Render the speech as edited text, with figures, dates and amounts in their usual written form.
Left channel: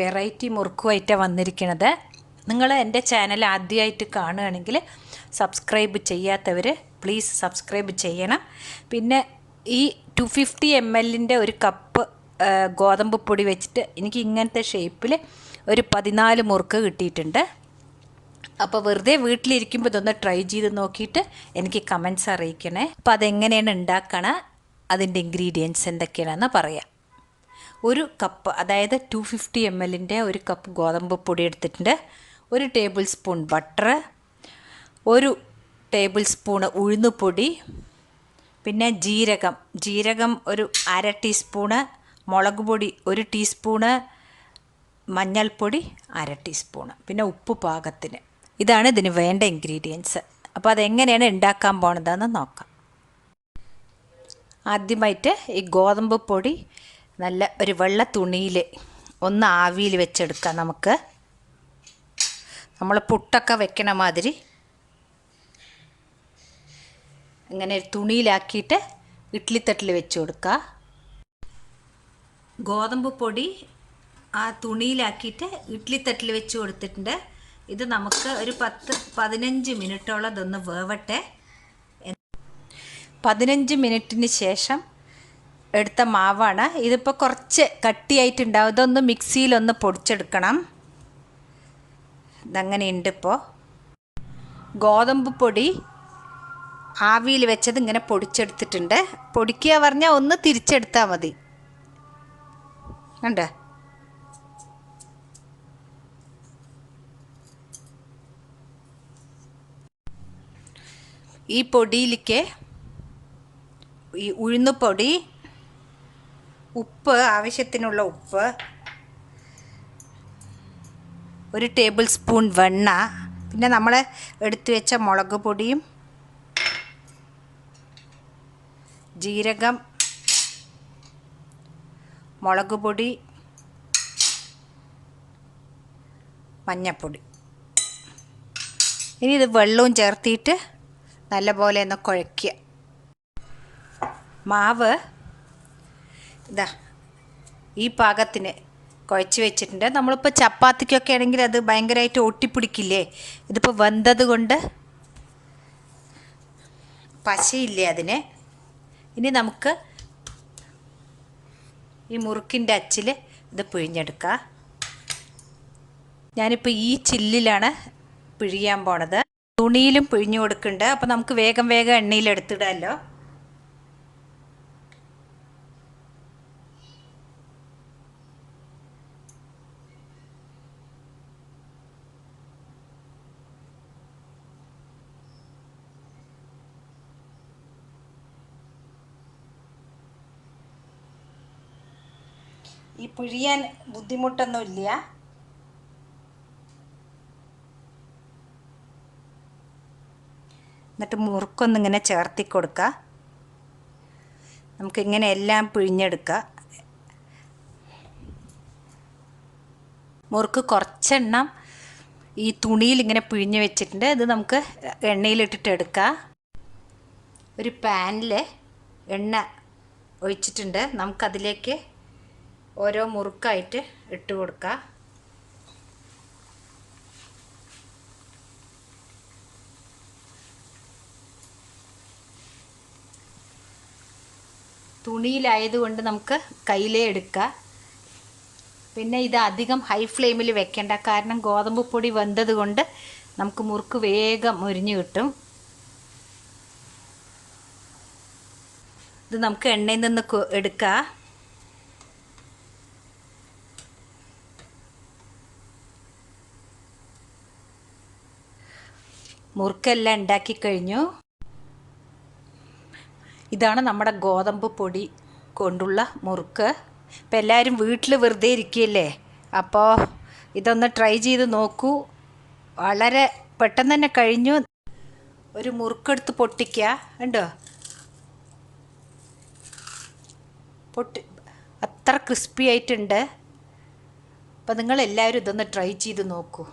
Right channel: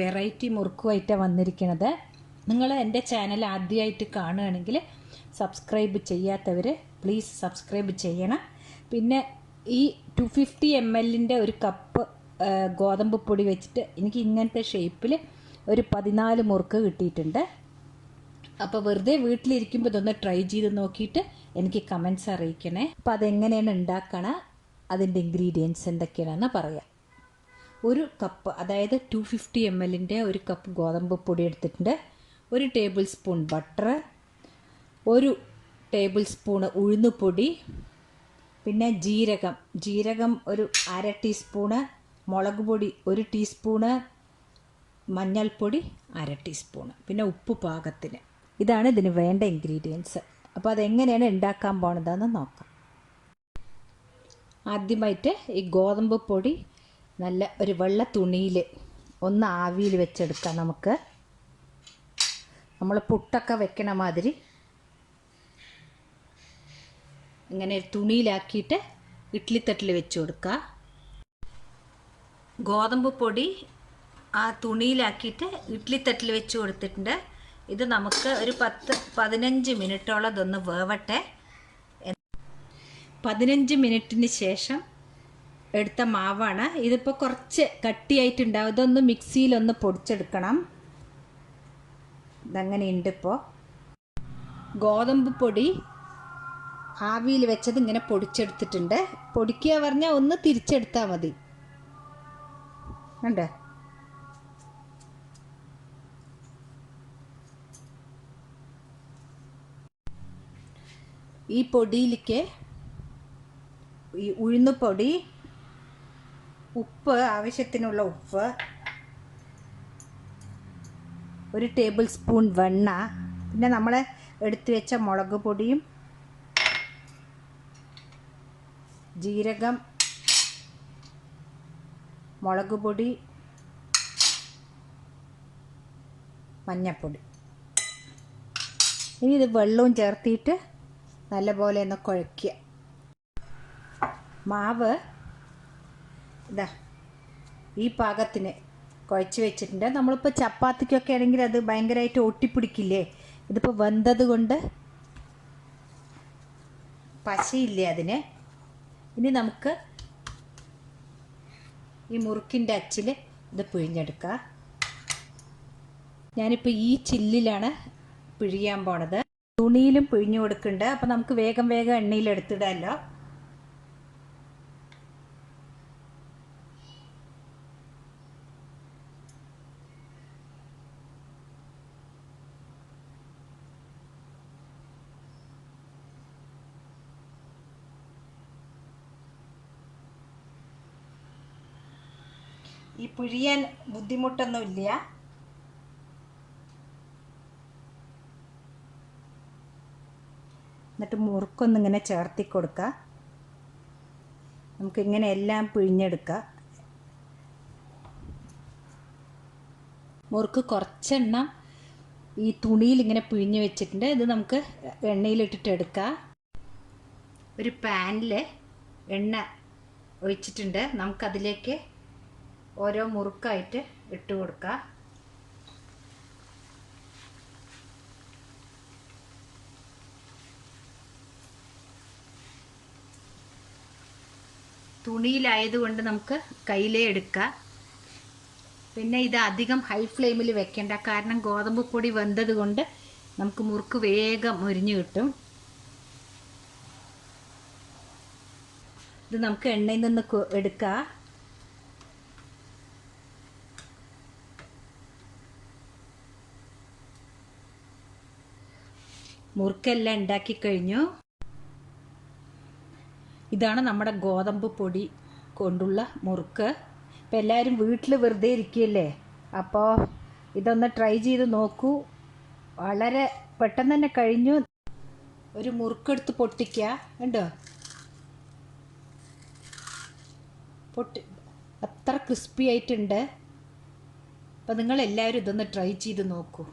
Variety മുറുക്കുമായിട്ടാണ് വന്നിരിക്കുന്നത്. നിങ്ങൾ എൻ്റെ ചാനൽ ആദ്യമായിട്ട് കാണുകയാണെങ്കിൽ സബ്സ്ക്രൈബ് ചെയ്യാത്തവർ പ്ലീസ് സബ്സ്ക്രൈബ് ചെയ്യണം. പിന്നെ ഈ 250 ml ഒരു കപ്പ് ഗോതമ്പ് പൊടി വെച്ചിട്ട് എനിക്ക് ഇങ്ങനത്തെ ഷേപ്പിൽ ഒരു 14 മുറുക്ക് കിട്ടിയിട്ടുണ്ട്. അപ്പോൾ വെറുതെ വീട്ടിലിരിക്കുമ്പോൾ ഇതൊന്ന് ട്രൈ ചെയ്ത് നോക്കിയിട്ട് എനിക്ക് കമൻറ്റ്സ് അറിയിക്കണേ. അപ്പോൾ അതെങ്ങനെയാണ് ഉണ്ടാക്കണം, അതിൻ്റെ ഇൻഗ്രീഡിയൻസ് എന്തൊക്കെയാണെന്ന് പറയാം. ഒരു കപ്പ്, അതായത് 250 ml ഒരു കപ്പ് ഗോതമ്പ് പൊടി എടുത്തിട്ടുണ്ട്. 1 tablespoon butter, 1 tablespoon ഉഴുന്നുപൊടി, പിന്നെ ജീരകം ഒരു 1/2 ടീസ്പൂണ്, മുളക് പൊടി 1 ടീസ്പൂണ്, മഞ്ഞൾപ്പൊടി 1/2 ടീസ്പൂണ്, പിന്നെ ഉപ്പ് പാകത്തിന്. ഇതാണ് ഇതിന് വേണ്ട ഇൻഗ്രീഡിയൻസ്. അപ്പോൾ അതെങ്ങനെയാണ് ഉണ്ടാക്കാൻ പോണതെന്ന് നോക്കാം. ആദ്യമായിട്ട് ഈ ഗോതമ്പ് പൊടി നല്ല ഒരു വെള്ള തുണിയിൽ ഒന്ന് ആവിയിൽ വെച്ചെടുക്കാം. നമുക്ക് നമ്മൾ പുട്ടൊക്കെ വെക്കണ മാതിരി ഇങ്ങനെ തുണിയിലാക്കിയിട്ട് ഇഡ്ഡലിത്തട്ടിൽ വെച്ച് കൊടുക്കുക. ഗോതമ്പ് പൊടി ആ തുണിയിലാക്കിയിട്ട് ഇഡ്ഡലിത്തട്ടിൽ വെച്ച് കൊടുത്തിട്ടുണ്ട്. ഇത് നമുക്ക് ഒരു 10-15 മിനിറ്റോളം ഇതൊന്ന് വേവട്ടെ. 15 മിനിറ്റിന് ശേഷം എടുത്ത മാവാണ്. ഇതിപ്പോൾ കുറച്ച് കട്ടിയായിട്ടുണ്ടാവും. ഇതൊന്ന് മിക്സിയിലൊന്ന് പൊടിച്ചെടുക്കണം. ഇതങ്ങനെയുണ്ട്. ഇപ്പോൾ ഗോതമ്പ് പൊടി ആവിയിൽ വെച്ചത് ഇങ്ങനെ പൊടിച്ചെടുത്തിട്ടുണ്ട്. പൊടിക്കുക പറഞ്ഞാൽ ഒന്ന് തിരിച്ചെടുത്താൽ മതി. കണ്ടോ? ഈ പൊടിയിലേക്ക് ഈ ഉഴുന്നുപൊടി, ഉപ്പ്, ആവശ്യത്തിനുള്ള ഉപ്പ്, 1 ടേബിൾ സ്പൂൺ വെണ്ണ, പിന്നെ നമ്മൾ എടുത്തു വെച്ച മുളക് പൊടിയും ജീരകം, മുളക് പൊടി, മഞ്ഞൾപ്പൊടി. ഇനി ഇത് വെള്ളവും ചേർത്തിട്ട് നല്ലപോലെ ഒന്ന് കുഴയ്ക്കുക. മാവ് ഇതാ ഈ പാകത്തിന് കുഴച്ച് വെച്ചിട്ടുണ്ട്. നമ്മളിപ്പോൾ ചപ്പാത്തിക്കൊക്കെ ആണെങ്കിൽ അത് ഭയങ്കരമായിട്ട് ഒട്ടിപ്പിടിക്കില്ലേ? ഇതിപ്പോൾ വെന്തത് കൊണ്ട് പശയില്ലേ അതിന്. ഇനി നമുക്ക് ഈ മുറുക്കിൻ്റെ അച്ചിൽ ഇത് പിഴിഞ്ഞെടുക്കാം. ഞാനിപ്പോൾ ഈ ചില്ലിലാണ് പിഴിയാൻ പോണത്. തുണിയിലും പിഴിഞ്ഞു കൊടുക്കുന്നുണ്ട്. അപ്പോൾ നമുക്ക് വേഗം എണ്ണയിൽ എടുത്തിടാമല്ലോ. ഈ പിഴിയാൻ ബുദ്ധിമുട്ടൊന്നുമില്ല. എന്നിട്ട് മുറുക്കൊന്നിങ്ങനെ ചേർത്തി കൊടുക്കുക. നമുക്കിങ്ങനെ എല്ലാം പിഴിഞ്ഞെടുക്കുക. മുറുക്ക് കുറച്ചെണ്ണം ഈ തുണിയിൽ ഇങ്ങനെ പിഴിഞ്ഞ് വെച്ചിട്ടുണ്ട്. ഇത് നമുക്ക് എണ്ണയിലിട്ടിട്ട് എടുക്കാം. ഒരു പാനിൽ എണ്ണ ഒഴിച്ചിട്ടുണ്ട്. നമുക്കതിലേക്ക് ഓരോ മുറുക്കായിട്ട് ഇട്ട് കൊടുക്കാം. തുണിയിലായതുകൊണ്ട് നമുക്ക് കയ്യിലേ എടുക്കാം. പിന്നെ ഇത് അധികം ഹൈ ഫ്ലെയിമിൽ വെക്കേണ്ട, കാരണം ഗോതമ്പ് പൊടി വെന്തത് കൊണ്ട് നമുക്ക് മുറുക്ക് വേഗം മുരിഞ്ഞ് കിട്ടും. ഇത് നമുക്ക് എണ്ണയിൽ നിന്ന് എടുക്കാം. മുറുക്കെല്ലാം ഉണ്ടാക്കി കഴിഞ്ഞു. ഇതാണ് നമ്മുടെ ഗോതമ്പ് പൊടി കൊണ്ടുള്ള മുറുക്ക്. ഇപ്പം എല്ലാവരും വീട്ടിൽ വെറുതെ ഇരിക്കുകയല്ലേ, അപ്പോൾ ഇതൊന്ന് ട്രൈ ചെയ്ത് നോക്കൂ. വളരെ പെട്ടെന്ന് തന്നെ കഴിഞ്ഞു. ഒരു മുറുക്കെടുത്ത് പൊട്ടിക്കുക. ഉണ്ടോ? അത്ര ക്രിസ്പി ആയിട്ടുണ്ട്. അപ്പോൾ നിങ്ങളെല്ലാവരും ഇതൊന്ന് ട്രൈ ചെയ്ത് നോക്കൂ.